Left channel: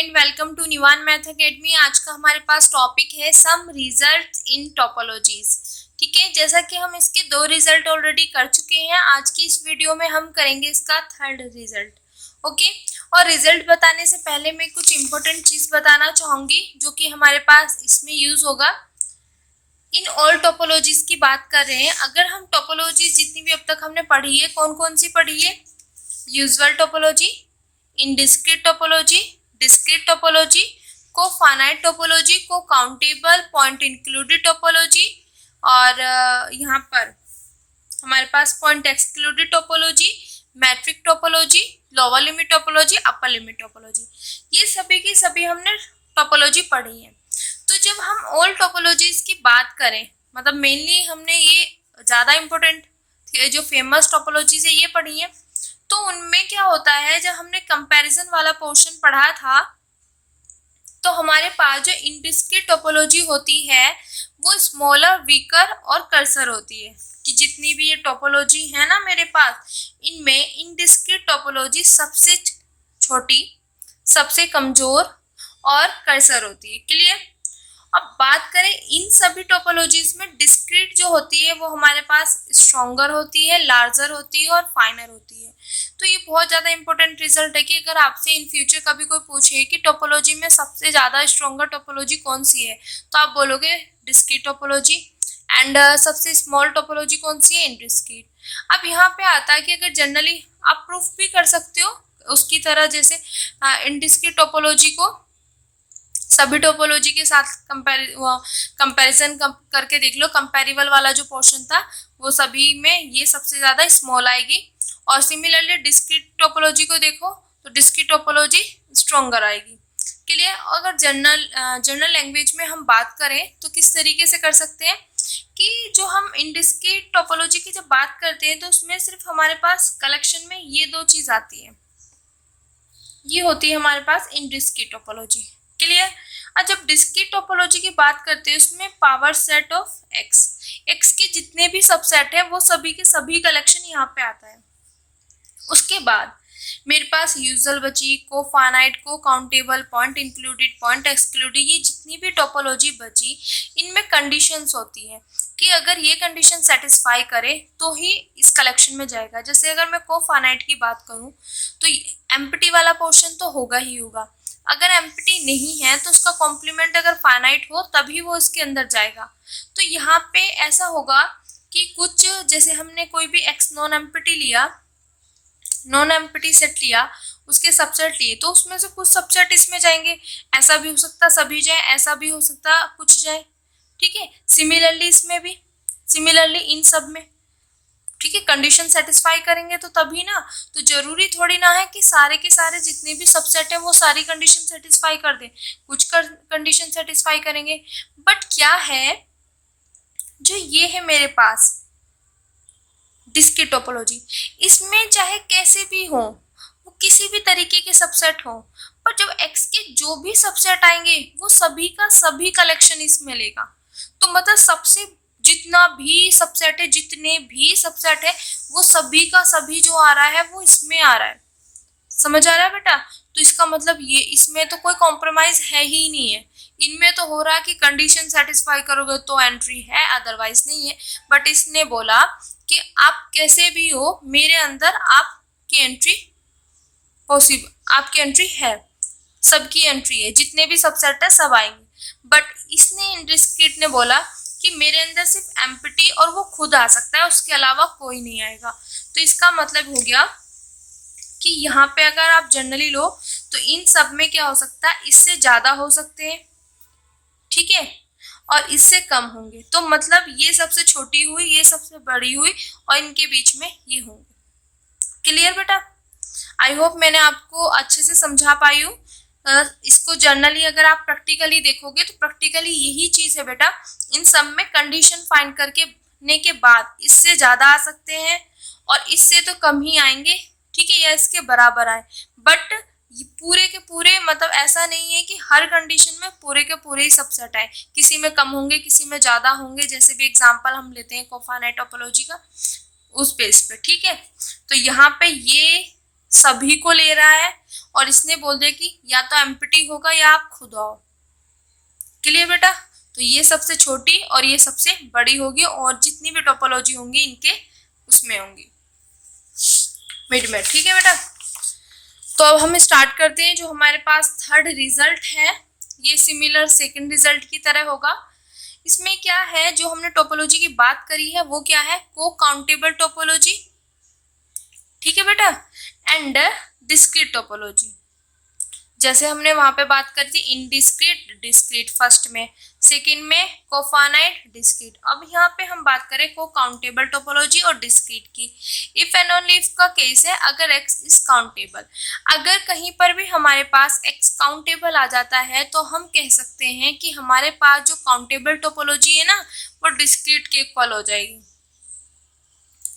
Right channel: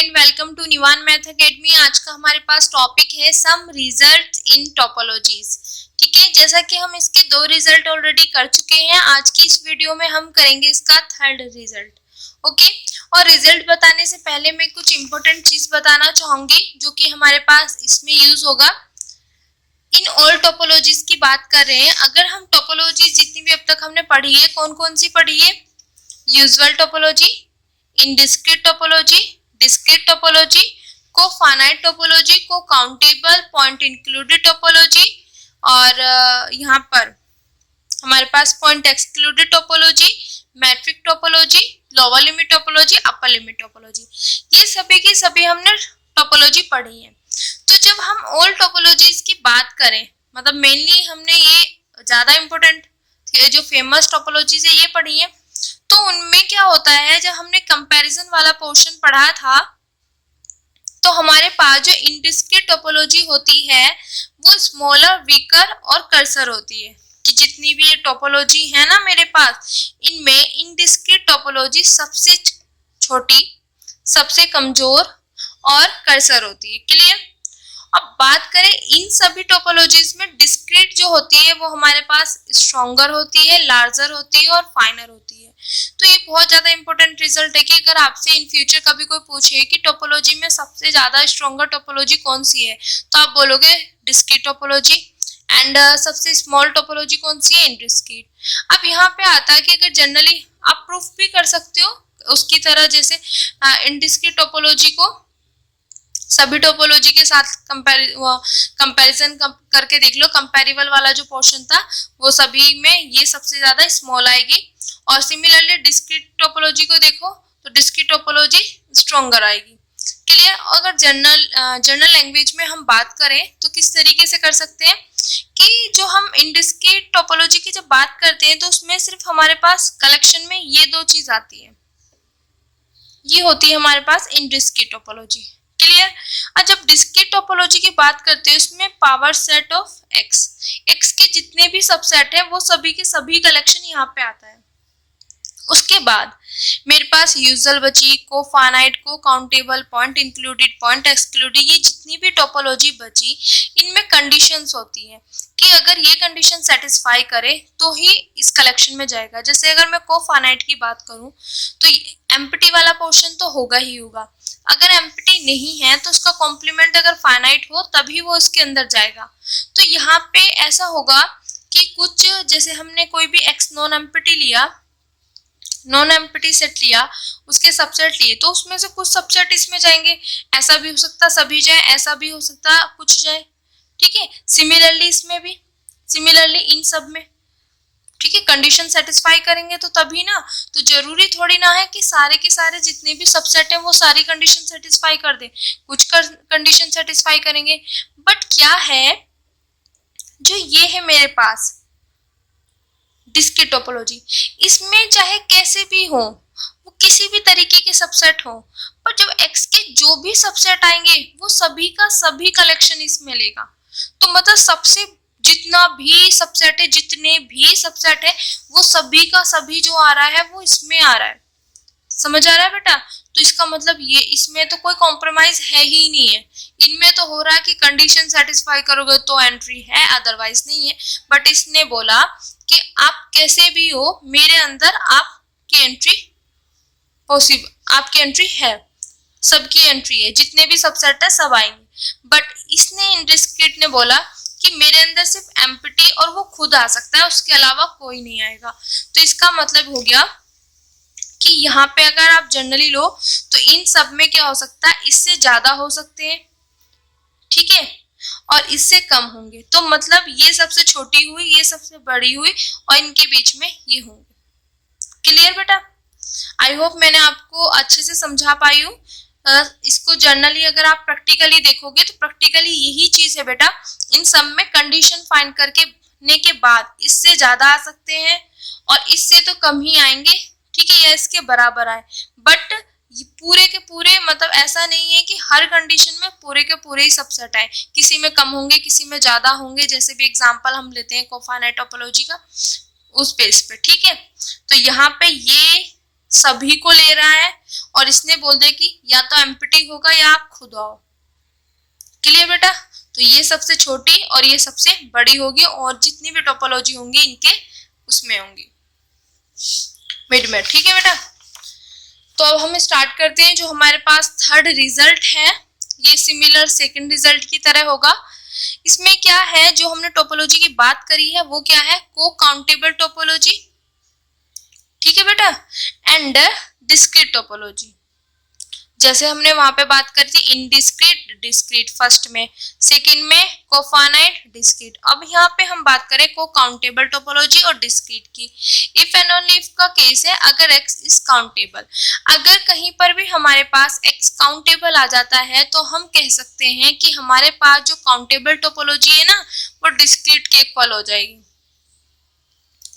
Friend, welcome to Nivan math academy. आज का हमारे पास टॉपिक है सम रिजल्ट्स इन टोपोलॉजीज। ठीक है, जैसा कि हम इसके 2 रिजल्ट ऑलरेडी कर चुके हैं, आज की इस वीडियो में हम करेंगे इसका 3rd रिजल्ट। ओके, और रिजल्ट बताने से पहले मैं कुछ इंपॉर्टेंट चीज बताना चाहूंगी जो कि हमारे पास इसमें यूज होगा। इन ऑल टोपोलॉजीज की बात कर रहे हैं। अगर हम टोपोलॉजीज जितनी भी अब तक हमने पढ़ी है, कौन कौन सी पढ़ी है? Usual topology, indiscrete topology, discrete topology, cofinite topology, cocountable point included topology, और यहाँ पर हमारे पास point excluded topology, metric topology, lower limit topology, upper limit topology. ये सभी की सभी हमने टोपोलॉजी पढ़ी है। तो जब हम ऑल टोपोलॉजीज की बात करें, मतलब मेनली हमने ये ज्यादा इंपॉर्टेंट जो फेमस टोपोलॉजीज है ये पढ़ी है। तो उनमें क्या होता है, जब हमने कंपैरिजन वाला पोर्शन पढ़ा था तो हमारे पास जो इंडिस्क्रीट टोपोलॉजी होती है वो स्मॉलर, वीकर और कर्सर होती है। कि जितनी भी ये टोपोलॉजी है ना मेरे पास, इनमें इंडिस्क्रीट टोपोलॉजी सबसे छोटी, सबसे कमजोर और कर्सर होती है। क्लियर? अब बात करें इन सभी टोपोलॉजीज में, डिस्क्रीट जो होती है वो हमारे पास स्ट्रॉन्गर होती है, लार्जर होती है और फाइनर होती है। तो ये बहुत ज्यादा इंपॉर्टेंट रिजल्ट है कि अगर आपसे इन फ्यूचर कभी कोई पूछे कि टोपोलॉजी में सबसे ज्यादा स्ट्रॉन्गर टोपोलॉजी कौन सी है, तो आप बोलोगे डिस्क्रीट टोपोलॉजी। एंड सबसे स्मॉल टोपोलॉजी कौन सी है? इंडिस्क्रीट। अब यहाँ पे आता है कि अगर जनरली आप प्रूफ भी कर सकते हो उसकी तरह, जैसे इंडिस्क्रीट टोपोलॉजी को सभी टोपोलॉजी के साथ कंपैरिजन करके देख लो। कंपैरेबल वाला जो पोर्शन था वो सभी में ये सबसे ज्यादा स्मॉल आएगी। और सिमिलरली डिस्क्रीट टोपोलॉजी को देखो तो डिस्क्रीट टोपोलॉजी स्ट्रॉन्गर आएगी। क्लियर? अगर जनरल लैंग्वेज में हम बात करें तो किस तरीके से कर सकते हैं कि जो हम इंडिस्क्रीट टोपोलॉजी की जब बात करते हैं तो उसमें सिर्फ हमारे पास कलेक्शन में ये 2 चीज आती है, ये होती है हमारे पास इंडिस्क्रीट टोपोलॉजी। क्लियर? और जब डिस्क्रीट टोपोलॉजी की बात करते हैं उसमें पावर सेट ऑफ एक्स के जितने भी सबसेट है वो सभी के सभी कलेक्शन यहाँ पे आता है। उसके बाद मेरे पास यूजुअल बची, को फाइनाइट, को countable, point included, point excluded, ये जितनी भी टोपोलॉजी बची इनमें कंडीशंस होती हैं कि अगर ये कंडीशन सेटिस्फाई करे तो ही इस कलेक्शन में जाएगा। जैसे अगर मैं को फाइनाइट की बात करूं तो एम्प्टी वाला पोर्शन तो होगा ही होगा। अगर एम्प्टी नहीं है तो उसका कॉम्प्लीमेंट अगर फाइनाइट हो तभी वो इसके अंदर जाएगा। तो यहाँ पे ऐसा होगा कि कुछ, जैसे हमने कोई भी एक्स नॉन एम्प्टी लिया, नॉन एम्प्टी सेट लिया, उसके सबसेट लिए, तो उसमें से कुछ सबसेट इसमें जाएंगे। ऐसा भी हो सकता सभी जाए, ऐसा भी हो सकता कुछ जाए। ठीक है? सिमिलरली इसमें भी, सिमिलरली इन सब में। ठीक है? कंडीशन सेटिस्फाई करेंगे तो तभी ना, तो जरूरी थोड़ी ना है कि सारे के सारे जितने भी सबसेट है वो सारी कंडीशन सेटिस्फाई कर दे, कुछ कंडीशन सेटिस्फाई करेंगे। बट क्या है, जो ये है मेरे पास डिस्क्रीट टोपोलॉजी, इसमें चाहे कैसे भी हो, वो किसी भी तरीके के सबसेट हो, पर जब एक्स के जो भी सबसेट आएंगे वो सभी का सभी कलेक्शन इसमें लेगा। तो मतलब सबसे जितना भी सबसेट है, जितने भी सबसेट है, वो सभी का सभी जो आ रहा है वो इसमें आ रहा है। समझ आ रहा है बेटा? तो इसका मतलब ये, इसमें तो कोई कॉम्प्रोमाइज है ही नहीं है। इनमें तो हो रहा है कि कंडीशन सेटिस्फाई करोगे तो एंट्री है, अदरवाइज नहीं है। बट इसने बोला कि आप कैसे भी हो, मेरे अंदर आपकी एंट्री पॉसिबल, आपकी एंट्री है, सबकी एंट्री है, जितने भी सबसेट है सब आएंगे। बट इसने इंडिस्क्रीट ने बोला कि मेरे अंदर सिर्फ एम्प्टी और वो खुद आ सकता है, उसके अलावा कोई नहीं आएगा। तो इसका मतलब हो गया कि यहाँ पे अगर आप जनरली लो तो इन सब में क्या हो सकता है, इससे ज्यादा हो सकते हैं, ठीक है, और इससे कम होंगे। तो मतलब ये सबसे छोटी हुई, ये सबसे बड़ी हुई, और इनके बीच में ये होंगे। क्लियर बेटा? आई होप मैंने आपको अच्छे से समझा पाई हूँ। इसको जनरली अगर आप प्रैक्टिकली देखोगे तो प्रैक्टिकली यही चीज है बेटा। इन सब में कंडीशन फाइंड करके ने के बाद इससे ज्यादा आ सकते हैं और इससे तो कम ही आएंगे, ठीक है, या इसके बराबर आए। बट पूरे के पूरे, मतलब ऐसा नहीं है कि हर कंडीशन में पूरे के पूरे ही सबसेट आए, किसी में कम होंगे, किसी में ज्यादा होंगे। जैसे भी एग्जांपल हम लेते हैं कोफाइनाइट टोपोलॉजी का, उस बेस पे। ठीक है? तो यहाँ पे ये सभी को ले रहा है और इसने बोल दिया कि या तो एम्प्टी होगा या आप खुद आओ। क्लियर बेटा? तो ये सबसे छोटी और ये सबसे बड़ी होगी और जितनी भी टोपोलॉजी होंगी इनके उसमें होंगी मिड में। ठीक है बेटा? तो अब हम स्टार्ट करते हैं। जो हमारे पास थर्ड रिजल्ट है ये सिमिलर सेकंड रिजल्ट की तरह होगा। इसमें क्या है, जो हमने टोपोलॉजी की बात करी है वो क्या है, को काउंटेबल टोपोलॉजी। ठीक है बेटा? And discrete topology. जैसे हमने वहां पे बात करी थी इनडिस्क्रीट डिस्क्रीट फर्स्ट में, सेकंड में कोफाइनाइट डिस्क्रीट। अब यहाँ पे हम बात करें को काउंटेबल टोपोलॉजी और डिस्क्रीट की। इफ एंड ओनली इफ का केस है अगर x इज काउंटेबल। अगर कहीं पर भी हमारे पास x काउंटेबल आ जाता है तो हम कह सकते हैं कि हमारे पास जो काउंटेबल टोपोलॉजी है ना वो डिस्क्रीट के इक्वल हो जाएगी।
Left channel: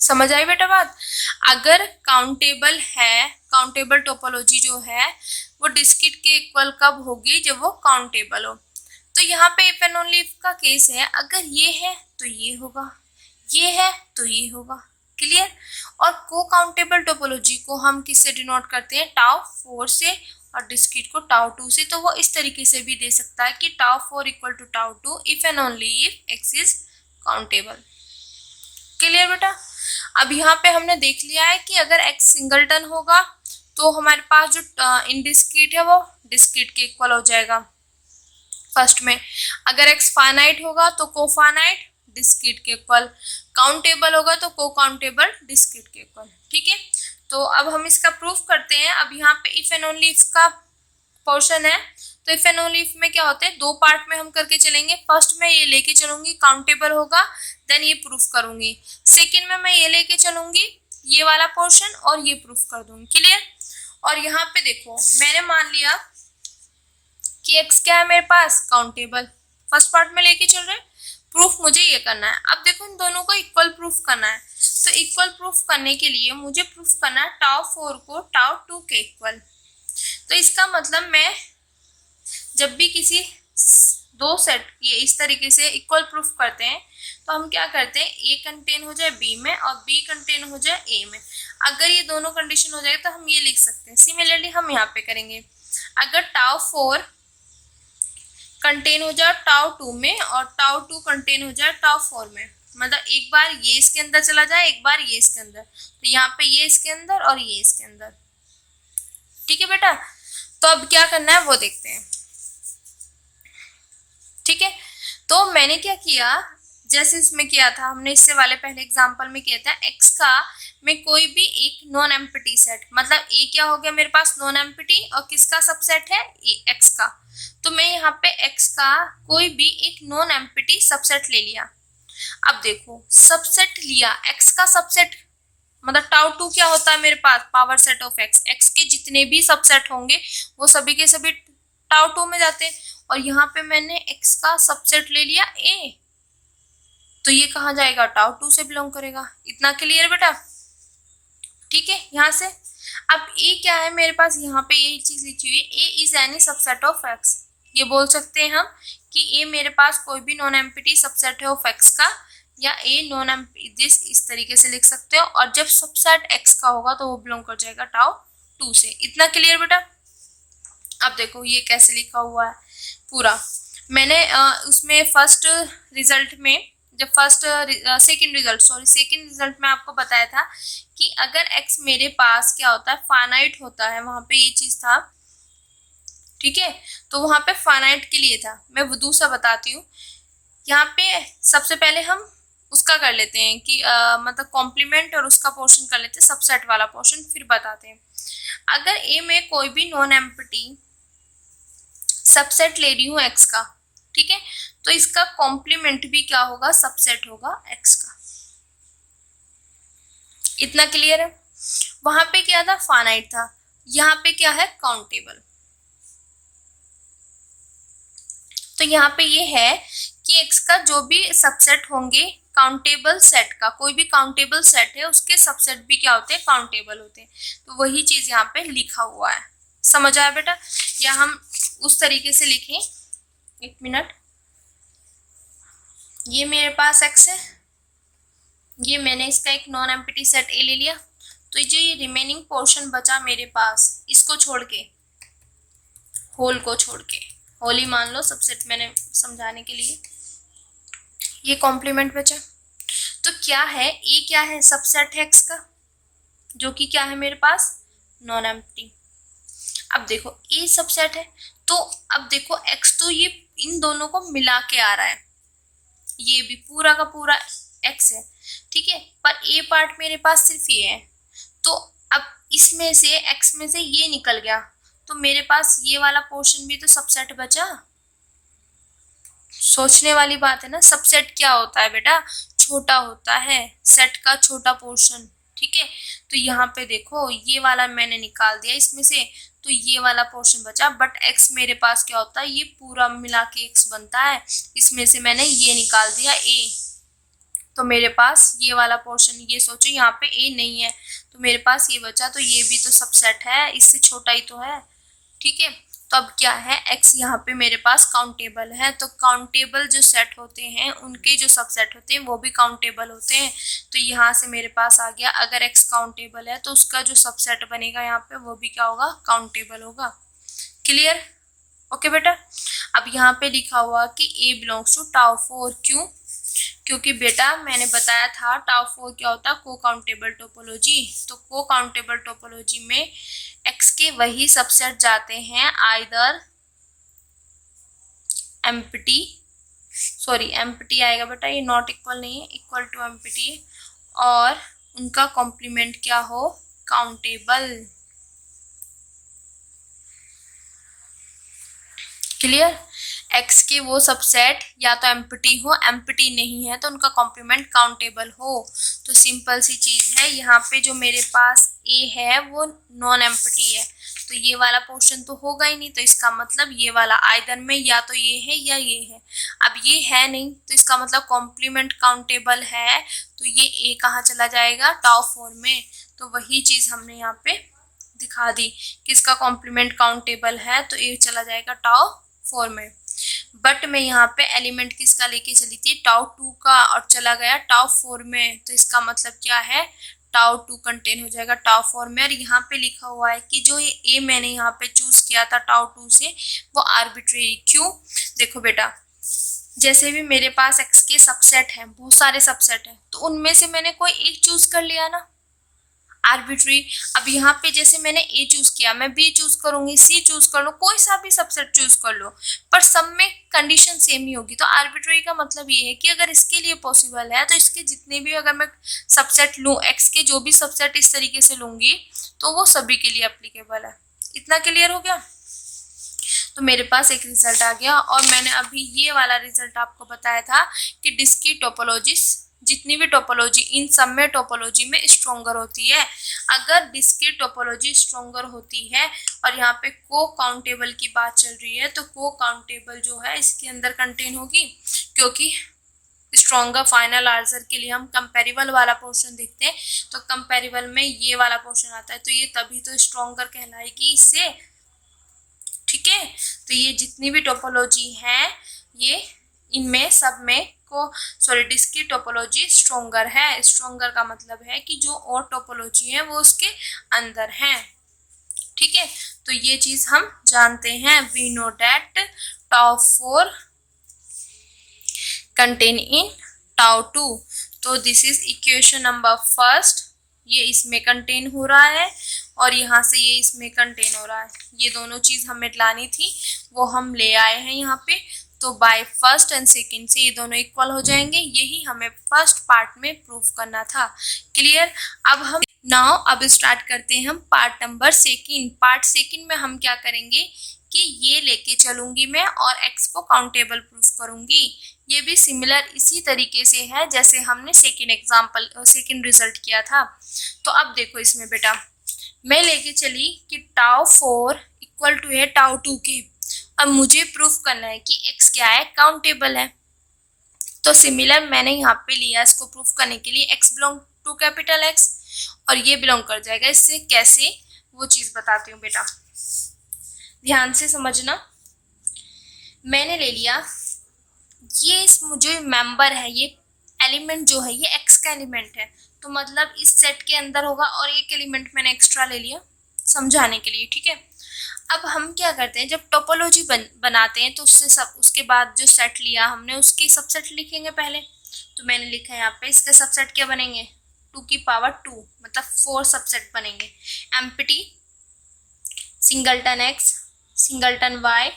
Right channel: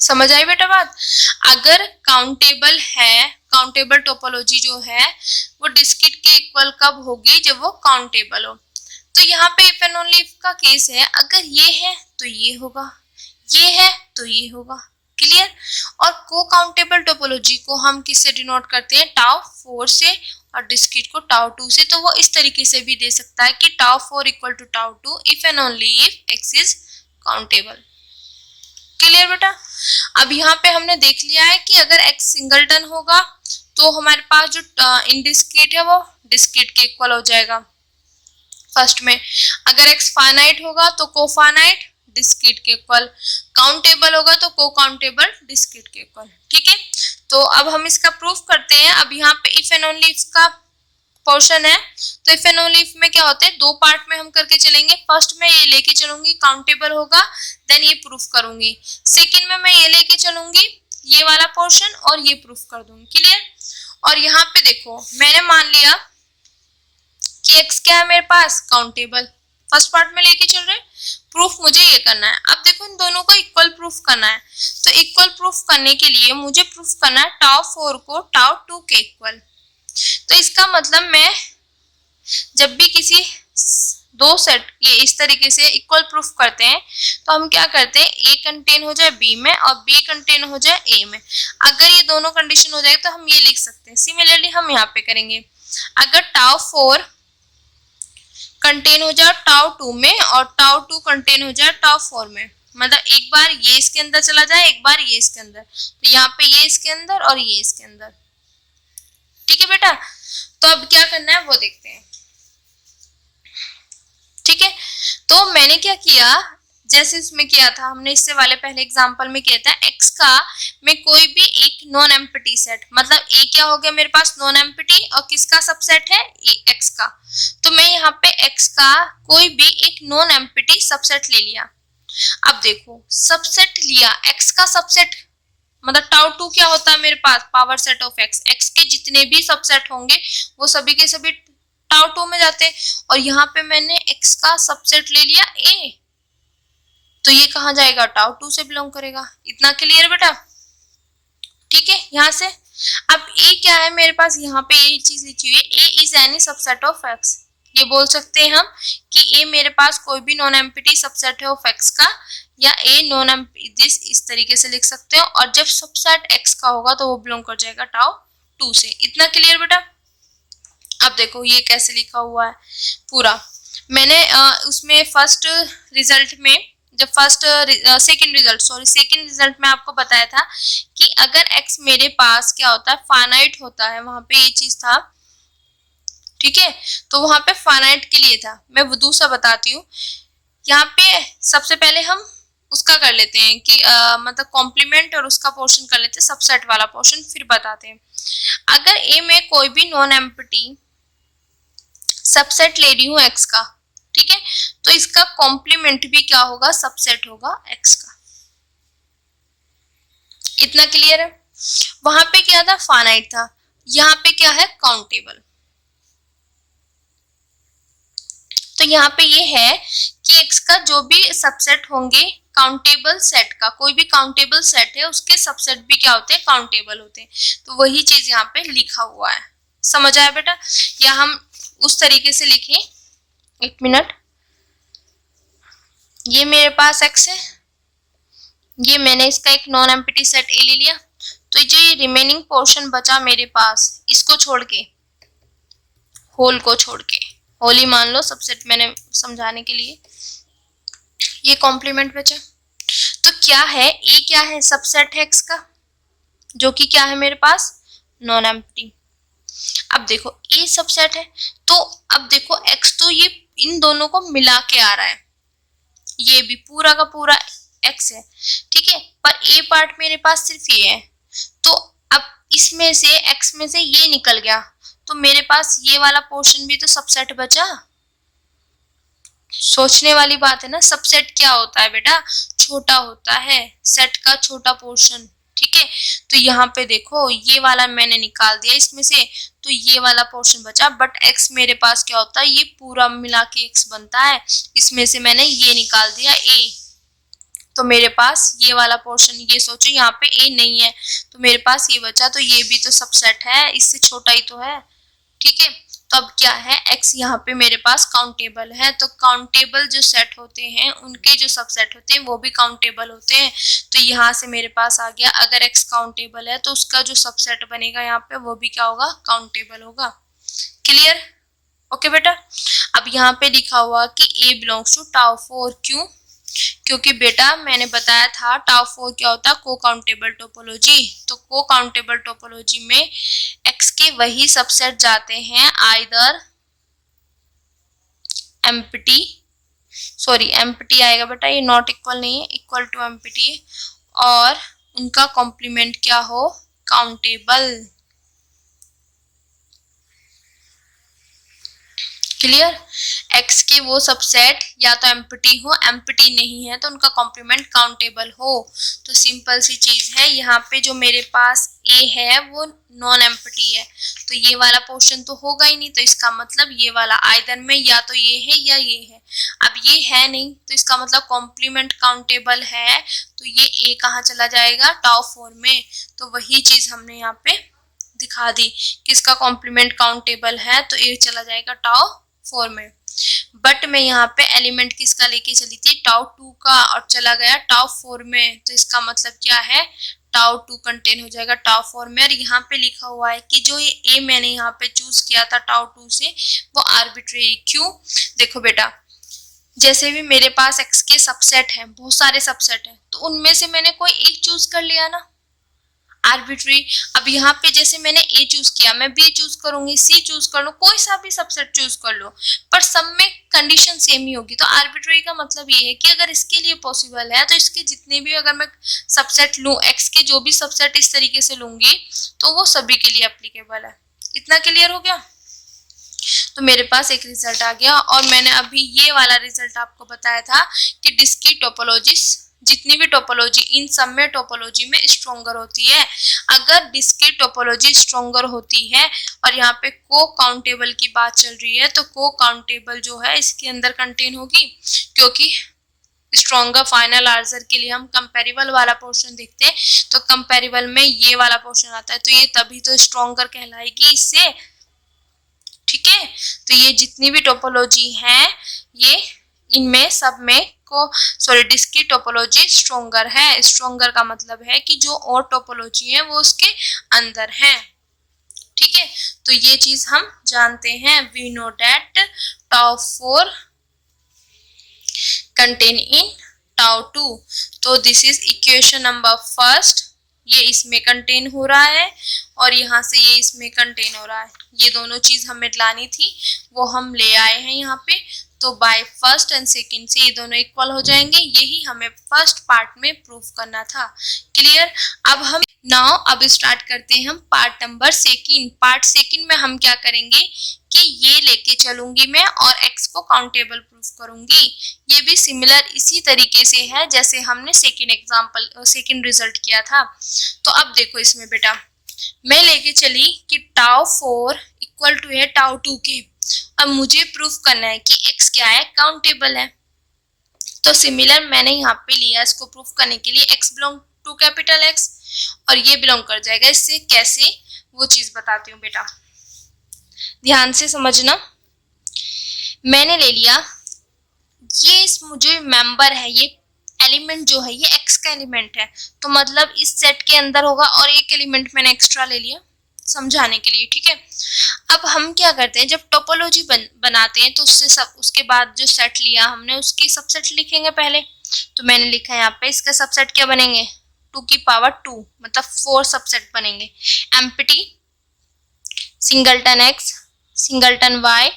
समझ आई बेटा बात? अगर काउंटेबल है, काउंटेबल टोपोलॉजी जो है वो डिस्क्रीट के इक्वल कब होगी, जब वो काउंटेबल हो। तो यहाँ पे इफ एंड ओनली इफ का केस है, अगर ये है तो ये होगा, ये है तो ये होगा। क्लियर? और को काउंटेबल टोपोलॉजी को हम किससे डिनोट करते हैं, टाउ 4 से, और डिस्क्रीट को टाउ 2 से। तो वो इस तरीके से भी दे सकता है कि tau 4 equal to tau 2 if and only if x is countable. Clear बेटा? अब यहाँ पे हमने देख लिया है कि अगर x सिंगलटन होगा तो हमारे पास जो इनडिस्क्रीट है वो डिस्क्रीट के इक्वल हो जाएगा फर्स्ट में। अगर x फाइनाइट होगा तो कोफाइनाइट डिस्क्रीट के इक्वल, काउंटेबल होगा तो को काउंटेबल डिस्क्रीट के इक्वल। ठीक है? तो अब हम इसका प्रूफ करते हैं। अब यहाँ पे इफ एंड ओनली इफ का पोर्शन है तो इफ एंड ओनली इफ में क्या होता है, दो पार्ट में हम करके चलेंगे। फर्स्ट में ये लेके चलूंगी काउंटेबल होगा, देन ये प्रूफ करूंगी। सेकंड में मैं ये लेके चलूंगी ये वाला पोर्शन और ये प्रूफ कर दूंगी। क्लियर? और यहाँ पे देखो मैंने मान लिया कि x क्या है मेरे पास, काउंटेबल। फर्स्ट पार्ट में लेके चल रहे, प्रूफ मुझे ये करना है। अब देखो इन दोनों को इक्वल प्रूफ करना है, तो इक्वल प्रूफ करने के लिए मुझे प्रूफ करना है टाउ 4 को टाउ 2 के इक्वल। तो इसका मतलब मैं जब भी किसी दो सेट ये इस तरीके से इक्वल प्रूफ करते हैं तो हम क्या करते हैं, ए कंटेन हो जाए बी में और बी कंटेन हो जाए ए में। अगर ये दोनों कंडीशन हो जाए तो हम ये लिख सकते हैं। सिमिलरली हम यहाँ पे करेंगे, अगर टाउ 4 कंटेन हो जाए टाउ 2 में और टाउ 2 कंटेन हो जाए टाउ 4 में, मतलब एक बार ये इसके अंदर चला जाए एक बार ये इसके अंदर, तो यहाँ पे ये इसके अंदर और ये इसके अंदर। ठीक है बेटा? तो अब क्या करना है वो देखते हैं। ठीक है? तो मैंने क्या किया, जैसे इसमें किया था हमने, इससे वाले पहले एग्जांपल में किया था x का मैं कोई भी एक नॉन एम्प्टी सेट, मतलब a क्या हो गया मेरे पास नॉन एम्प्टी और किसका सबसेट है x का। तो मैं यहाँ पे x का कोई भी एक नॉन एम्प्टी सबसेट ले लिया। अब देखो सबसेट लिया, x का सबसेट मतलब टाउ 2 क्या होता है मेरे पास, पावर सेट ऑफ x के जितने भी सबसेट होंगे वो सभी के सभी टाउ 2 में जाते हैं। और यहाँ पे मैंने x का सबसेट ले लिया a, तो ये कहाँ जाएगा, टाउ 2 से बिलोंग करेगा। इतना क्लियर बेटा? ठीक है? यहाँ से अब a क्या है मेरे पास, यहाँ पे ये चीज लिखी हुई है, a is any subset of x। ये बोल सकते हैं हम कि a मेरे पास कोई भी नॉन एम्प्टी सबसेट है ऑफ x का, या a नॉन एम्प्टी, इस तरीके से लिख सकते हो। और जब सबसेट x का होगा तो वो बिलोंग कर जाएगा टाउ 2 से। इतना क्लियर बेटा? अब देखो ये कैसे लिखा हुआ है पूरा। मैंने उसमें फर्स्ट रिजल्ट में, जब सेकंड रिजल्ट में आपको बताया था कि अगर x मेरे पास क्या होता है, फाइनाइट होता है, वहां पे ये चीज था। ठीक है? तो वहां पे फाइनाइट के लिए था, मैं वो दूसरा बताती हूँ। यहाँ पे सबसे पहले हम उसका कर लेते हैं कि मतलब कॉम्प्लीमेंट और उसका पोर्शन कर लेते हैं, सबसेट वाला पोर्शन फिर बताते हैं। अगर ए में कोई भी नॉन एम्प्टी सबसेट ले रही हूँ x का, ठीक है, तो इसका कॉम्प्लीमेंट भी क्या होगा, सबसेट होगा x का। इतना क्लियर है? वहां पे क्या था, फाइनाइट था, यहाँ पे क्या है, काउंटेबल। तो यहाँ पे ये है कि x का जो भी सबसेट होंगे काउंटेबल सेट का, कोई भी काउंटेबल सेट है उसके सबसेट भी क्या होते हैं, काउंटेबल होते हैं। तो वही चीज यहाँ पे लिखा हुआ है। समझ आया बेटा? या हम उस तरीके से लिखें, एक मिनट, ये मेरे पास x है, ये मैंने इसका एक नॉन एम्प्टी सेट ए ले लिया, तो जो ये रिमेनिंग पोर्शन बचा मेरे पास, इसको छोड़ के, होल को छोड़ के, होल ही मान लो सबसेट मैंने समझाने के लिए, ये कॉम्प्लीमेंट बचा। तो क्या है, ए क्या है, सबसेट है एक्स का, जो कि क्या है मेरे पास, नॉन एम्प्टी। अब देखो ए सबसेट है, तो अब देखो एक्स तो ये इन दोनों को मिला के आ रहा है, ये भी पूरा का पूरा एक्स है, ठीक है, पर ए पार्ट मेरे पास सिर्फ ये है। तो अब इसमें से एक्स में से ये निकल गया, तो मेरे पास ये वाला पोर्शन भी तो सबसेट बचा। सोचने वाली बात है ना, सबसेट क्या होता है बेटा, छोटा होता है, सेट का छोटा पोर्शन, ठीक है। तो यहाँ पे देखो ये वाला मैंने निकाल दिया इसमें से, तो ये वाला पोर्शन बचा, बट x मेरे पास क्या होता है, ये पूरा मिला के x बनता है, इसमें से मैंने ये निकाल दिया a, तो मेरे पास ये वाला पोर्शन, ये सोचो यहाँ पे a नहीं है, तो मेरे पास ये बचा, तो ये भी तो सबसेट है, इससे छोटा ही तो है, ठीक है। तो अब क्या है, x यहाँ पे मेरे पास काउंटेबल है, तो काउंटेबल जो सेट होते हैं उनके जो सबसेट होते हैं वो भी काउंटेबल होते हैं। तो यहाँ से मेरे पास आ गया, अगर x काउंटेबल है तो उसका जो सबसेट बनेगा यहाँ पे वो भी क्या होगा, काउंटेबल होगा। क्लियर, ओके बेटा। अब यहाँ पे लिखा हुआ कि a बिलोंग्स टू टाउ 4, क्यों, क्योंकि बेटा मैंने बताया था टाउ 4 क्या होता है, को काउंटेबल टोपोलॉजी। तो को काउंटेबल टोपोलॉजी में x के वही सबसेट जाते हैं, आइदर एम्प्टी, सॉरी एम्प्टी आएगा बेटा, ये नॉट इक्वल नहीं है, इक्वल टू एम्प्टी, और उनका कॉम्प्लीमेंट क्या हो, काउंटेबल। क्लियर, x के वो सबसेट या तो एम्प्टी हो, एम्प्टी नहीं है तो उनका कॉम्प्लीमेंट काउंटेबल हो। तो सिंपल सी चीज है, यहाँ पे जो मेरे पास a है वो नॉन एम्प्टी है, तो ये वाला पोर्शन तो होगा ही नहीं, तो इसका मतलब ये वाला आइदर में या तो ये है या ये है। अब ये है नहीं, तो इसका मतलब कॉम्प्लीमेंट काउंटेबल है, तो ये a कहाँ चला जाएगा, टाउ 4 में। तो वही चीज हमने यहाँ पे दिखा दी कि इसका कॉम्प्लीमेंट काउंटेबल है, तो a चला जाएगा टाउ 4 में। बट मैं यहाँ पे एलिमेंट किसका लेके चली थी, टाउ 2 का, और चला गया टाउ 4 में, तो इसका मतलब क्या है, टाउ 2 कंटेन हो जाएगा टाउ 4 में। और यहाँ पे लिखा हुआ है कि जो ये a मैंने यहाँ पे चूज किया था टाउ 2 से, वो आर्बिट्रेरी, क्यों, देखो बेटा जैसे भी मेरे पास x के सबसेट हैं, बहुत सारे सबसेट हैं, तो उनमें से मैंने कोई एक चूज कर लिया ना, आर्बिट्री। अब यहाँ पे जैसे मैंने A चूज किया, मैं B चूज करूंगी, C चूज कर लो, कोई सा भी सबसेट चूज कर लो, पर सब में कंडीशन सेम ही होगी। तो आर्बिट्री का मतलब ये है कि अगर इसके लिए पॉसिबल है तो इसके जितने भी अगर मैं सबसेट लूँ, x के जो भी सबसेट इस तरीके से लूंगी तो वो सभी के लिए एप्लीकेबल है। इतना क्लियर हो गया। तो मेरे पास एक रिजल्ट आ गया, और मैंने अभी ये वाला रिजल्ट आपको बताया था कि डिस्क्रीट टोपोलॉजीज, जितनी भी टोपोलॉजी, इन सब में टोपोलॉजी में स्ट्रोंगर होती है। अगर डिस्क्रीट टोपोलॉजी स्ट्रोंगर होती है, और यहाँ पे को काउंटेबल की बात चल रही है, तो को काउंटेबल जो है इसके अंदर कंटेन होगी, क्योंकि स्ट्रोंगर फाइनल आंसर के लिए हम कंपेरेबल वाला पोर्शन देखते हैं, तो कंपेरेबल में ये वाला पोर्शन आता है, तो ये तभी तो स्ट्रोंगर कहलाएगी इससे, ठीक है। तो ये जितनी भी टोपोलॉजी है, ये इनमें सब में को सॉरी डिस्क्रीट टोपोलॉजी स्ट्रोंगर है। स्ट्रोंगर का मतलब है कि जो और टोपोलॉजी है वो उसके अंदर है, ठीक है। तो ये चीज हम जानते हैं, we know that tau 4 contain in tau 2। तो this is equation number first, ये इसमें कंटेन हो रहा है, और यहाँ से ये इसमें कंटेन हो रहा है। ये दोनों चीज हमें लानी थी, वो हम ले आए हैं यहाँ पे। तो बाय फर्स्ट एंड सेकंड से ये दोनों इक्वल हो जाएंगे, यही हमें फर्स्ट पार्ट में प्रूफ करना था। क्लियर। अब हम नाउ अब स्टार्ट करते हैं हम part number second. Part second में हम क्या करेंगे कि ये लेके चलूंगी मैं, और x को काउंटेबल प्रूफ करूंगी। ये भी सिमिलर इसी तरीके से है जैसे हमने सेकंड रिजल्ट किया था। तो अब देखो इसमें बेटा, मैं लेके चली कि टाउ 4 इक्वल टू है टाउ 2 के। अब मुझे प्रूफ करना है कि x क्या है, काउंटेबल है। तो सिमिलर मैंने यहाँ पे लिया इसको प्रूफ करने के लिए, x belong to capital X, और ये बिलोंग कर जाएगा इससे। कैसे, वो चीज बताती हूँ बेटा, ध्यान से समझना। मैंने ले लिया ये जो मेंबर है, ये एलिमेंट जो है ये एक्स का एलिमेंट है, तो मतलब इस सेट के अंदर होगा, और एक एलिमेंट मैंने एक्स्ट्रा ले लिया समझाने के लिए, ठीक है। अब हम क्या करते हैं, जब टोपोलॉजी बनाते हैं तो उसके बाद जो सेट लिया हमने उसकी सबसेट लिखेंगे पहले। तो मैंने लिखा है यहाँ पे, इसके सबसेट क्या बनेंगे, 2 की पावर 2, मतलब 4 सबसेट बनेंगे। Empty, singleton x, singleton y,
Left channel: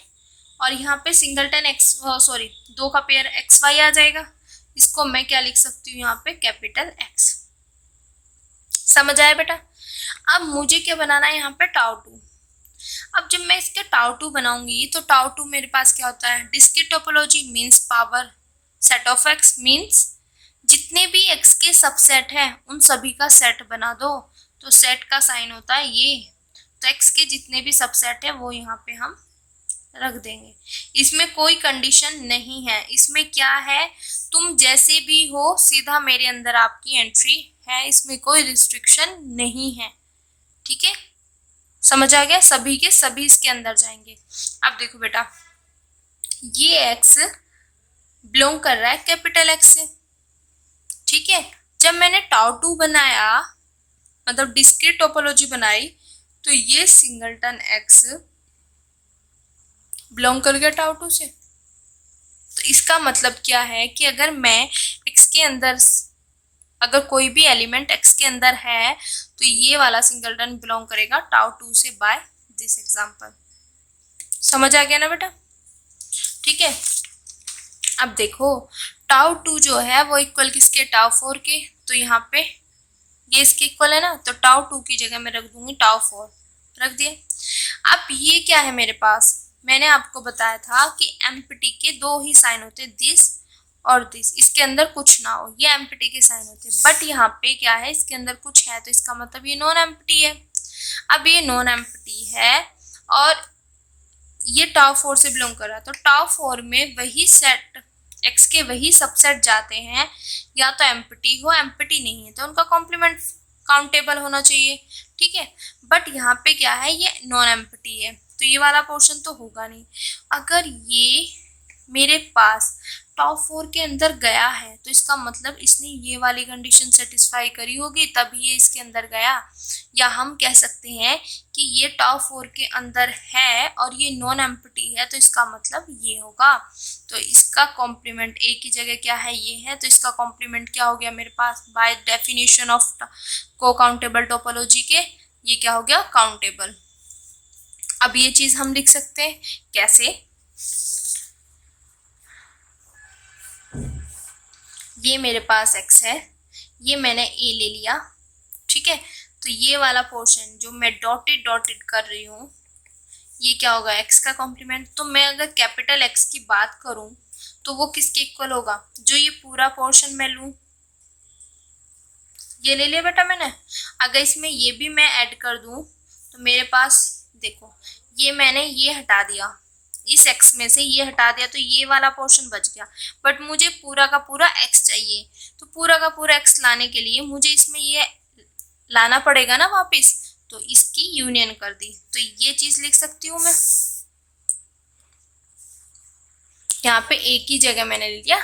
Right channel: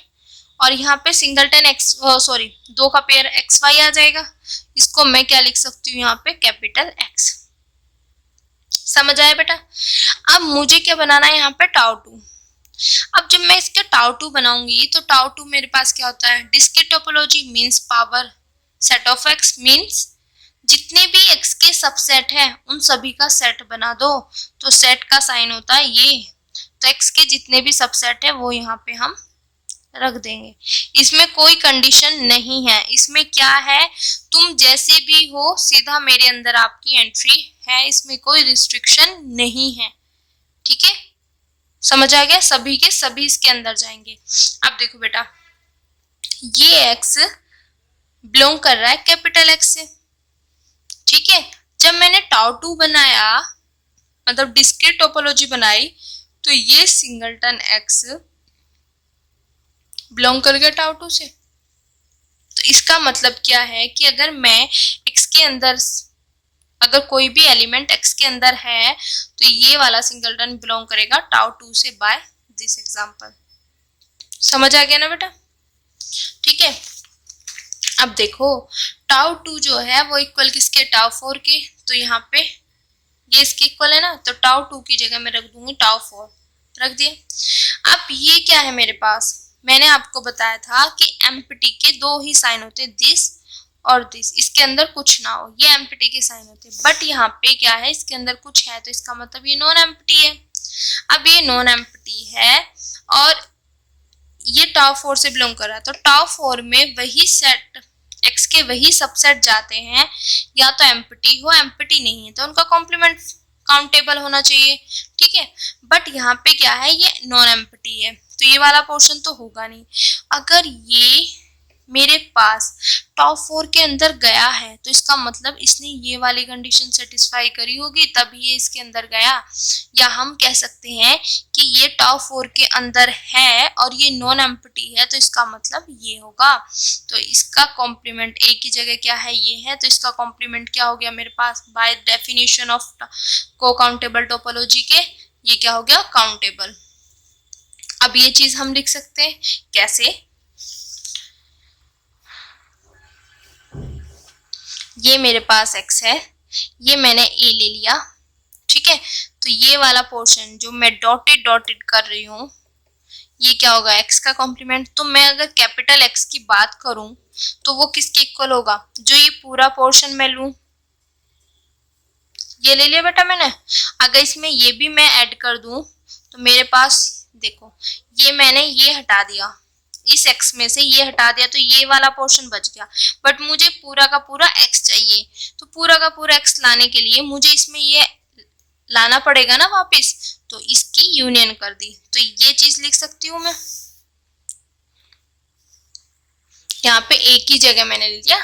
और यहाँ पे सिंगलटन एक्स, सॉरी 2 का पेयर एक्स वाई आ जाएगा। इसको मैं क्या लिख सकती हूँ यहाँ पे, कैपिटल एक्स। समझ आया बेटा। अब मुझे क्या बनाना है यहाँ पे, टाउ 2। अब जब मैं इसके टाउ 2 बनाऊंगी तो टाउ 2 मेरे पास क्या होता है, discrete topology means power set of x, means जितने भी एक्स के सबसेट है उन सभी का सेट बना दो। तो सेट का साइन होता है ये, तो एक्स के जितने भी सबसेट है वो यहाँ पे हम रख देंगे। इसमें कोई कंडीशन नहीं है, इसमें क्या है, तुम जैसे भी हो सीधा मेरे अंदर आपकी एंट्री है, इसमें कोई रिस्ट्रिक्शन नहीं है, ठीक है। समझ आ गया, सभी के सभी इसके अंदर जाएंगे। अब देखो बेटा, ये एक्स बिलोंग कर रहा है कैपिटल एक्स से, ठीक है। जब मैंने टाउ 2 बनाया, मतलब डिस्क्रीट टोपोलॉजी बनाई, तो ये सिंगलटन एक्स बिलोंग कर गया टाउ 2 से। तो इसका मतलब क्या है कि अगर मैं एक्स के अंदर, अगर कोई भी एलिमेंट एक्स के अंदर है तो ये वाला सिंगलटन बिलोंग करेगा टाउ 2 से, बाय दिस एग्जांपल। समझ आ गया ना बेटा, ठीक है। अब देखो टाउ 2 जो है वो इक्वल किसके, टाउ 4 के, तो यहाँ पे ये इसके इक्वल है ना, तो टाउ 2 की जगह मैं रख दूंगी टाउ 4, रख दिया। अब ये क्या है मेरे पास, मैंने आपको बताया था कि एम्प्टी के 2 ही साइन होते हैं, दिस और दिस, इसके अंदर कुछ ना हो, ये एम्प्टी के साइन होते हैं। बट यहाँ पे क्या है, इसके अंदर कुछ है, तो इसका मतलब ये नॉन एम्प्टी है। अब ये नॉन एम्प्टी है और ये टाउ 4 से बिलोंग कर रहा है, तो टाउ 4 में वही सेट एक्स के वही सबसेट जाते हैं, या तो एम्प्टी हो, एम्प्टी नहीं है तो उनका कॉम्प्लीमेंट काउंटेबल होना चाहिए, ठीक है। बट यहाँ पे क्या है, ये नॉन एम्प्टी है, तो ये वाला पोर्शन तो होगा नहीं। अगर ये मेरे पास टाउ 4 के अंदर गया है तो इसका मतलब इसने ये वाली कंडीशन सेटिस्फाई करी होगी, तभी ये इसके अंदर गया। या हम कह सकते हैं कि ये टाउ 4 के अंदर है और ये नॉन एम्प्टी है, तो इसका मतलब ये होगा। तो इसका कॉम्प्लीमेंट ए की जगह क्या है, ये है, तो इसका कॉम्प्लीमेंट क्या हो गया मेरे पास, बाय डेफिनेशन ऑफ को काउंटेबल टोपोलॉजी के, ये क्या हो गया, काउंटेबल। अब ये चीज हम लिख सकते हैं कैसे, ये मेरे पास x है, ये मैंने a ले लिया, ठीक है। तो ये वाला पोर्शन जो मैं डॉटेड डॉटेड कर रही हूँ, ये क्या होगा, x का कॉम्प्लीमेंट। तो मैं अगर कैपिटल x की बात करूं तो वो किसके इक्वल होगा, जो ये पूरा पोर्शन मैं लूं, ये ले लिया बेटा मैंने। अगर इसमें ये भी मैं ऐड कर दूं तो मेरे पास देखो, ये मैंने ये हटा दिया, इस x में से ये हटा दिया, तो ये वाला पोर्शन बच गया। बट मुझे पूरा का पूरा x चाहिए, तो पूरा का पूरा x लाने के लिए मुझे इसमें ये लाना पड़ेगा ना वापस, तो इसकी यूनियन कर दी। तो ये चीज लिख सकती हूँ मैं, यहाँ पे a की जगह मैंने ले लिया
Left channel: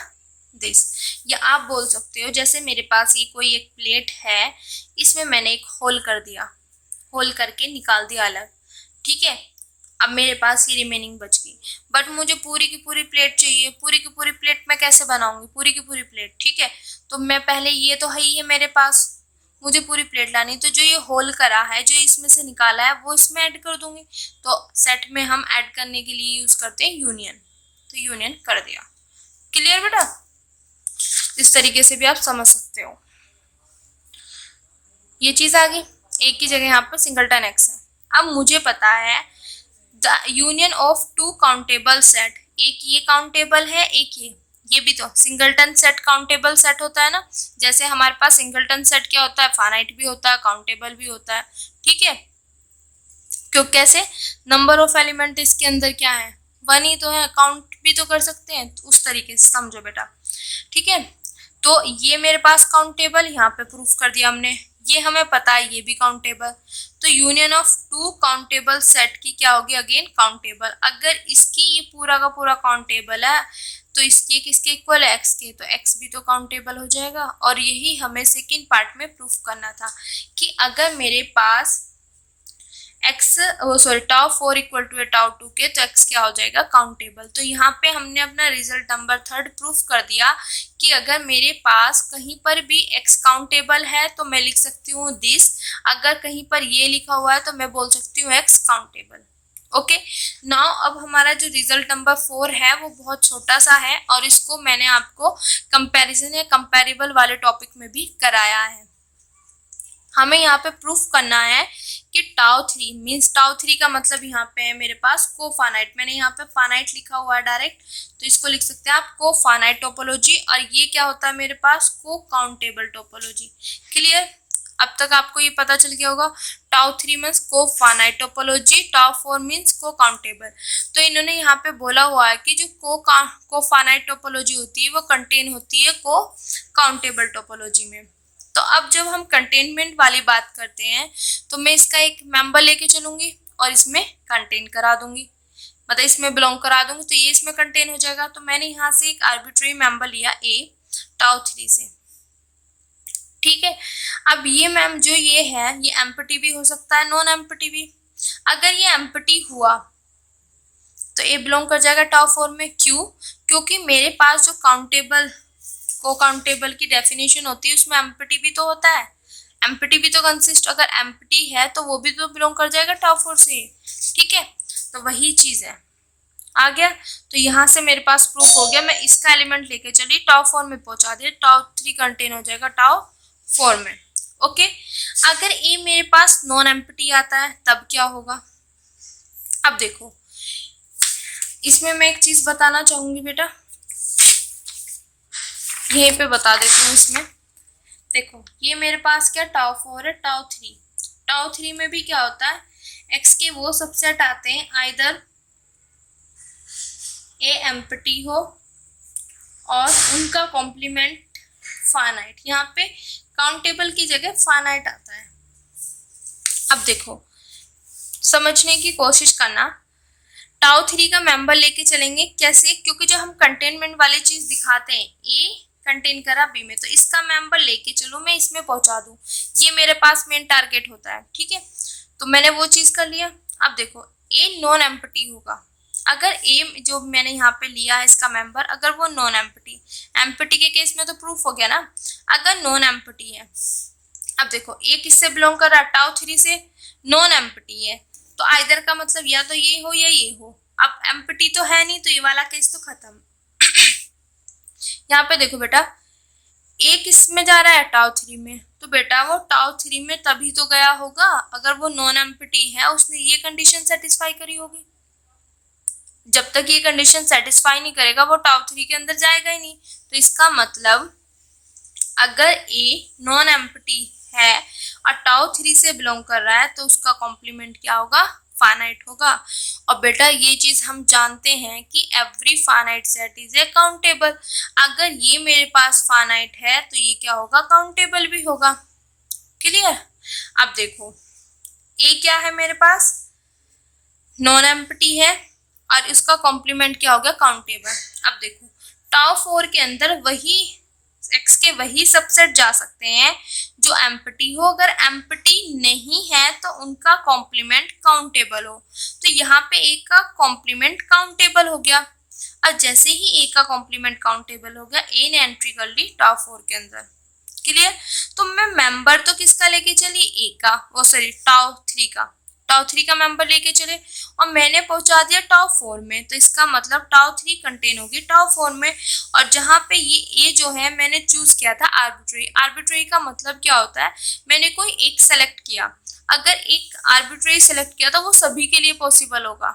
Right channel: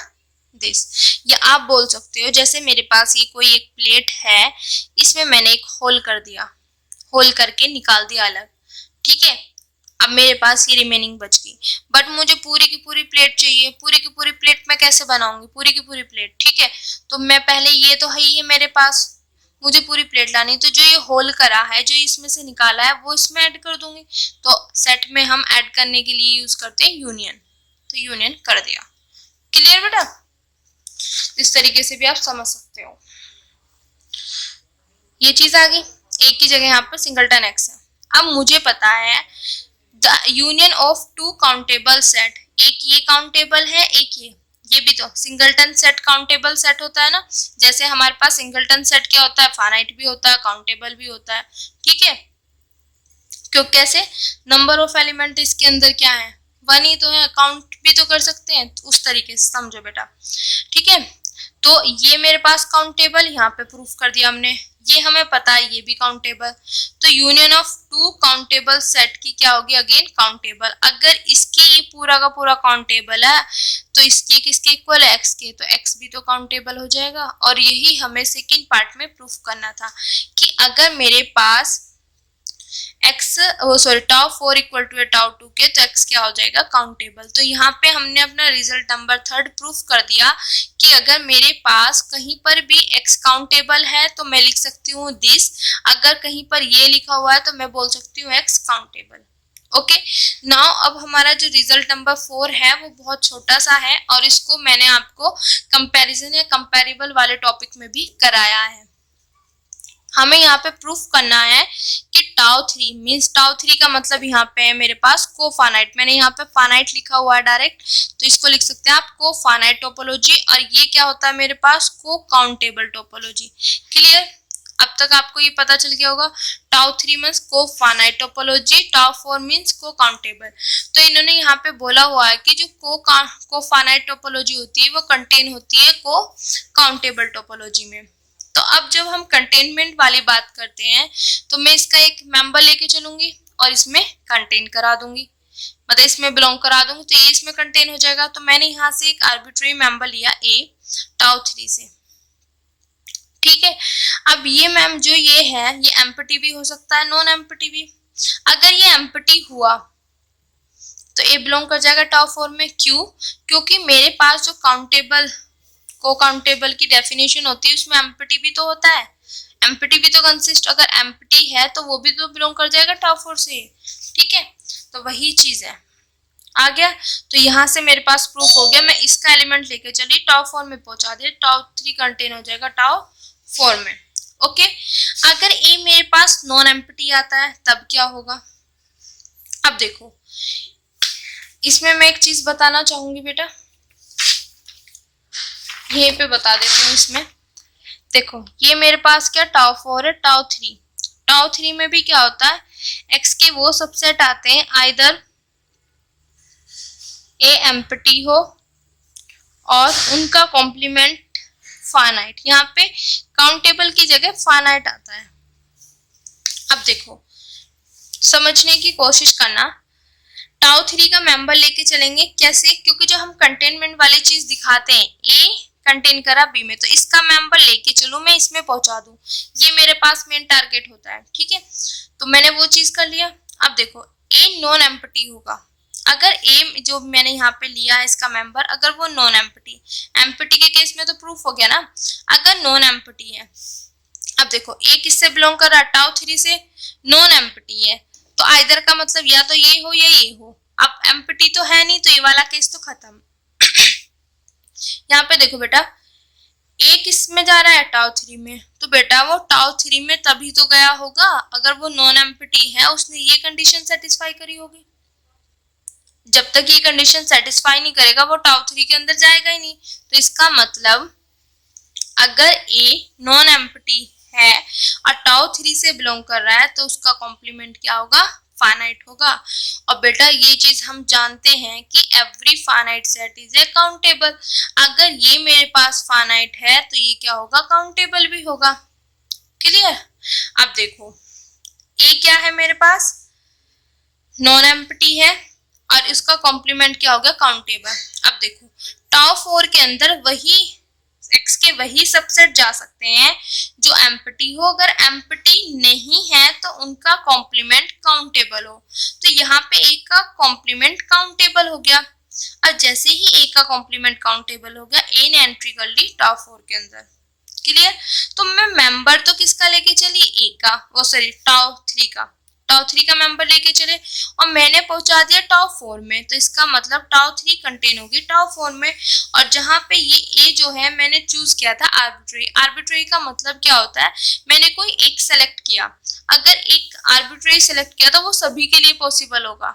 दिस। या आप बोल सकते हो जैसे मेरे पास ये कोई एक प्लेट है, इसमें मैंने एक होल कर दिया, होल करके निकाल दिया अलग, ठीक है। अब मेरे पास ये रिमेनिंग बच गई, बट मुझे पूरी की पूरी प्लेट चाहिए। पूरी की पूरी प्लेट मैं कैसे बनाऊंगी, पूरी की पूरी प्लेट, ठीक है। तो मैं पहले, ये तो है ही है मेरे पास, मुझे पूरी प्लेट लानी, तो जो ये होल करा है, जो इसमें से निकाला है, वो इसमें ऐड कर दूंगी। तो सेट में हम ऐड करने के लिए यूज करते हैं यूनियन, तो यूनियन कर दिया। क्लियर बेटा, इस तरीके से भी आप समझ सकते हो। ये चीज आ गई, एक की जगह यहाँ पर सिंगलटन एक्स है। अब मुझे पता है the union of 2 countable set, एक ये काउंटेबल है, एक ये भी तो सिंगलटन सेट काउंटेबल सेट होता है ना। जैसे हमारे पास सिंगलटन सेट क्या होता है, फाइनाइट भी होता है, काउंटेबल भी होता है, ठीक है। क्यों, कैसे, नंबर ऑफ एलिमेंट इसके अंदर क्या है, 1 ही तो है, काउंट भी तो कर सकते हैं, तो उस तरीके से समझो बेटा, ठीक है। तो ये मेरे पास काउंटेबल, यहाँ पे प्रूफ कर दिया हमने, ये हमें पता है ये भी काउंटेबल, तो union of two countable set की क्या होगी, अगेन काउंटेबल। अगर इसके ये पूरा का पूरा काउंटेबल है तो इसके किसके इक्वल है, एक्स के, तो एक्स भी तो काउंटेबल हो जाएगा। और यही हमें सेकंड पार्ट में प्रूफ करना था कि अगर मेरे पास X tau 4 equal to tau 2 के, तो एक्स क्या हो जाएगा, काउंटेबल। तो यहाँ पे हमने अपना रिजल्ट नंबर 3 प्रूफ कर दिया कि अगर मेरे पास कहीं पर भी एक्स काउंटेबल है तो मैं लिख सकती हूँ दिस, अगर कहीं पर ये लिखा हुआ है तो मैं बोल सकती हूँ एक्स काउंटेबल। ओके, नाउ अब हमारा जो रिजल्ट नंबर 4 है वो बहुत छोटा सा है और इसको मैंने आपको कंपैरिजन या कंपैरेबल वाले टॉपिक में भी कराया है। हमें यहाँ पे प्रूफ करना है कि टाउ 3 मीन्स टाउ 3 का मतलब यहाँ पे है मेरे पास कोफानाइट। मैंने यहाँ पे फानाइट लिखा हुआ है डायरेक्ट, तो इसको लिख सकते हैं आप कोफानाइट टोपोलॉजी। और ये क्या होता है मेरे पास, को काउंटेबल टोपोलॉजी। क्लियर, अब तक आपको ये पता चल गया होगा। Tau 3 means cofinite topology, tau 4 means cocountable. तो इन्होंने यहाँ पे बोला हुआ है कि जो कोफानाइट टोपोलॉजी होती है वो कंटेन होती है को काउंटेबल टोपोलॉजी में। तो अब जब हम कंटेनमेंट वाली बात करते हैं तो मैं इसका एक मेंबर लेके चलूंगी और इसमें कंटेन करा दूंगी, मतलब इसमें बिलोंग करा दूंगी, तो ये इसमें कंटेन हो जाएगा। तो मैंने यहाँ से एक आर्बिट्रेरी मेंबर लिया ए टाउ 3 से, ठीक है। अब ये मैम जो ये है ये एम्प्टी भी हो सकता है, नॉन एम्प्टी भी। अगर ये एम्प्टी हुआ तो ए बिलोंग कर जाएगा टाउ 4 में। क्यों, क्योंकि मेरे पास जो को काउंटेबल की डेफिनेशन होती है उसमें एम्प्टी भी तो होता है, एम्प्टी भी तो कंसिस्ट, अगर एम्प्टी है तो वो भी तो बिलोंग कर जाएगा टाउ 4 से, ठीक है। तो वही चीज है, आ गया। तो यहाँ से मेरे पास प्रूफ हो गया, मैं इसका एलिमेंट लेके चली टाउ 4 में पहुंचा दिया, टाउ 3 कंटेन हो जाएगा टाउ 4 में। ओके, अगर ए मेरे पास नॉन एम्प्टी आता है तब क्या होगा। अब देखो इसमें मैं एक चीज बताना चाहूंगी बेटा, यहीं पे बता देती हूँ। इसमें देखो ये मेरे पास क्या टाउ 4 है, टाउ 3 में भी क्या होता है, एक्स के वो सबसेट आते हैं आइदर ए एम्प्टी हो और उनका कॉम्प्लीमेंट फाइनाइट, यहाँ पे काउंटेबल की जगह फाइनाइट आता है। अब देखो समझने की कोशिश करना, टाउ 3 का मेंबर लेके चलेंगे कैसे, क्योंकि जो हम कंटेनमेंट वाली चीज दिखाते हैं ए कंटेन करा बी में, तो इसका मेंबर लेके चलो मैं इसमें पहुंचा दूं, ये मेरे पास मेन टारगेट होता है, ठीक है। तो मैंने वो चीज कर लिया। अब देखो ए नॉन एम्प्टी होगा, अगर ए जो मैंने यहाँ पे लिया है इसका मेंबर, अगर वो नॉन एम्प्टी, एम्प्टी के केस में तो प्रूफ हो गया ना, अगर नॉन एम्प्टी है। अब देखो ए किससे बिलोंग कर रहा है, टाउ 3 से, नॉन एम्प्टी है, तो आइदर का मतलब या तो ये हो या ये हो। अब एम्प्टी तो है नहीं तो ये वाला केस तो खत्म। यहाँ पे देखो बेटा ए किस में जा रहा है, टाउ 3 में, तो बेटा वो टाउ 3 में तभी तो गया होगा अगर वो नॉन एम्प्टी है, उसने ये कंडीशन सेटिस्फाई करी होगी। जब तक ये कंडीशन सेटिस्फाई नहीं करेगा वो टाउ 3 के अंदर जाएगा ही नहीं। तो इसका मतलब अगर ए नॉन एम्प्टी है और टाउ 3 से बिलोंग कर रहा है तो उसका कॉम्प्लीमेंट क्या होगा, फाइनाइट होगा। और बेटा ये चीज हम जानते हैं कि every finite set is a countable, अगर ये मेरे पास फाइनाइट है तो ये क्या होगा, काउंटेबल भी होगा। क्लियर, अब देखो ए क्या है मेरे पास, नॉन एम्प्टी है और इसका कॉम्प्लीमेंट क्या हो गया, काउंटेबल। अब देखो टाउ 4 के अंदर वही एक्स के वही सबसेट जा सकते हैं जो एम्प्टी हो, अगर एम्प्टी नहीं है तो उनका कॉम्प्लीमेंट काउंटेबल हो। तो यहाँ पे ए का कॉम्प्लीमेंट काउंटेबल हो गया, और जैसे ही ए का कॉम्प्लीमेंट काउंटेबल हो गया ए ने एंट्री कर ली टाउ 4 के अंदर। क्लियर, तो मैं मेंबर तो किसका लेके चली, ए का, वो सॉरी टाउ 3 का, टाउ 3 का मेंबर लेके चले और मैंने पहुंचा दिया टाउ 4 में, तो इसका मतलब टाउ 3 कंटेन होगी टाउ 4 में। और जहां पे ये ए जो है मैंने चूज किया था आर्बिट्रेरी, आर्बिट्रेरी का मतलब क्या होता है, मैंने कोई एक सेलेक्ट किया, अगर एक आर्बिट्रेरी सेलेक्ट किया तो वो सभी के लिए पॉसिबल होगा।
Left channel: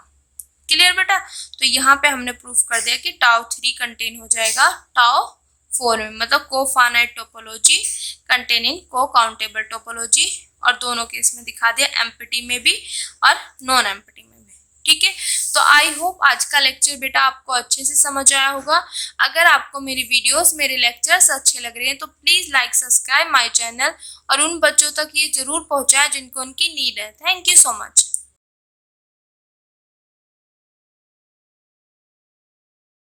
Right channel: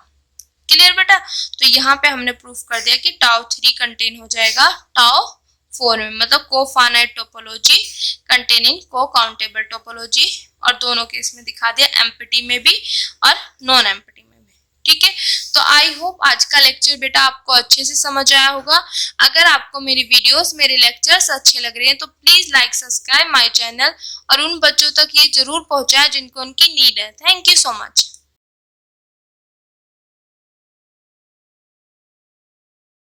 क्लियर बेटा, तो यहाँ पे हमने प्रूफ कर दिया कि टाउ 3 कंटेन हो जाएगा टाउ 4 में, मतलब को फाइनाइट टोपोलॉजी कंटेनिंग को काउंटेबल टोपोलॉजी, और दोनों केस में दिखा दिया, एम्प्टी में भी और नॉन एम्प्टी में भी। ठीक है। तो आई होप आज का लेक्चर बेटा आपको अच्छे से समझ आया होगा। अगर आपको मेरी वीडियोस, मेरे लेक्चर्स अच्छे लग रहे हैं तो please like, subscribe my channel और उन बच्चों तक ये जरूर पहुंचाएं जिनको उनकी नीड है। Thank you so much.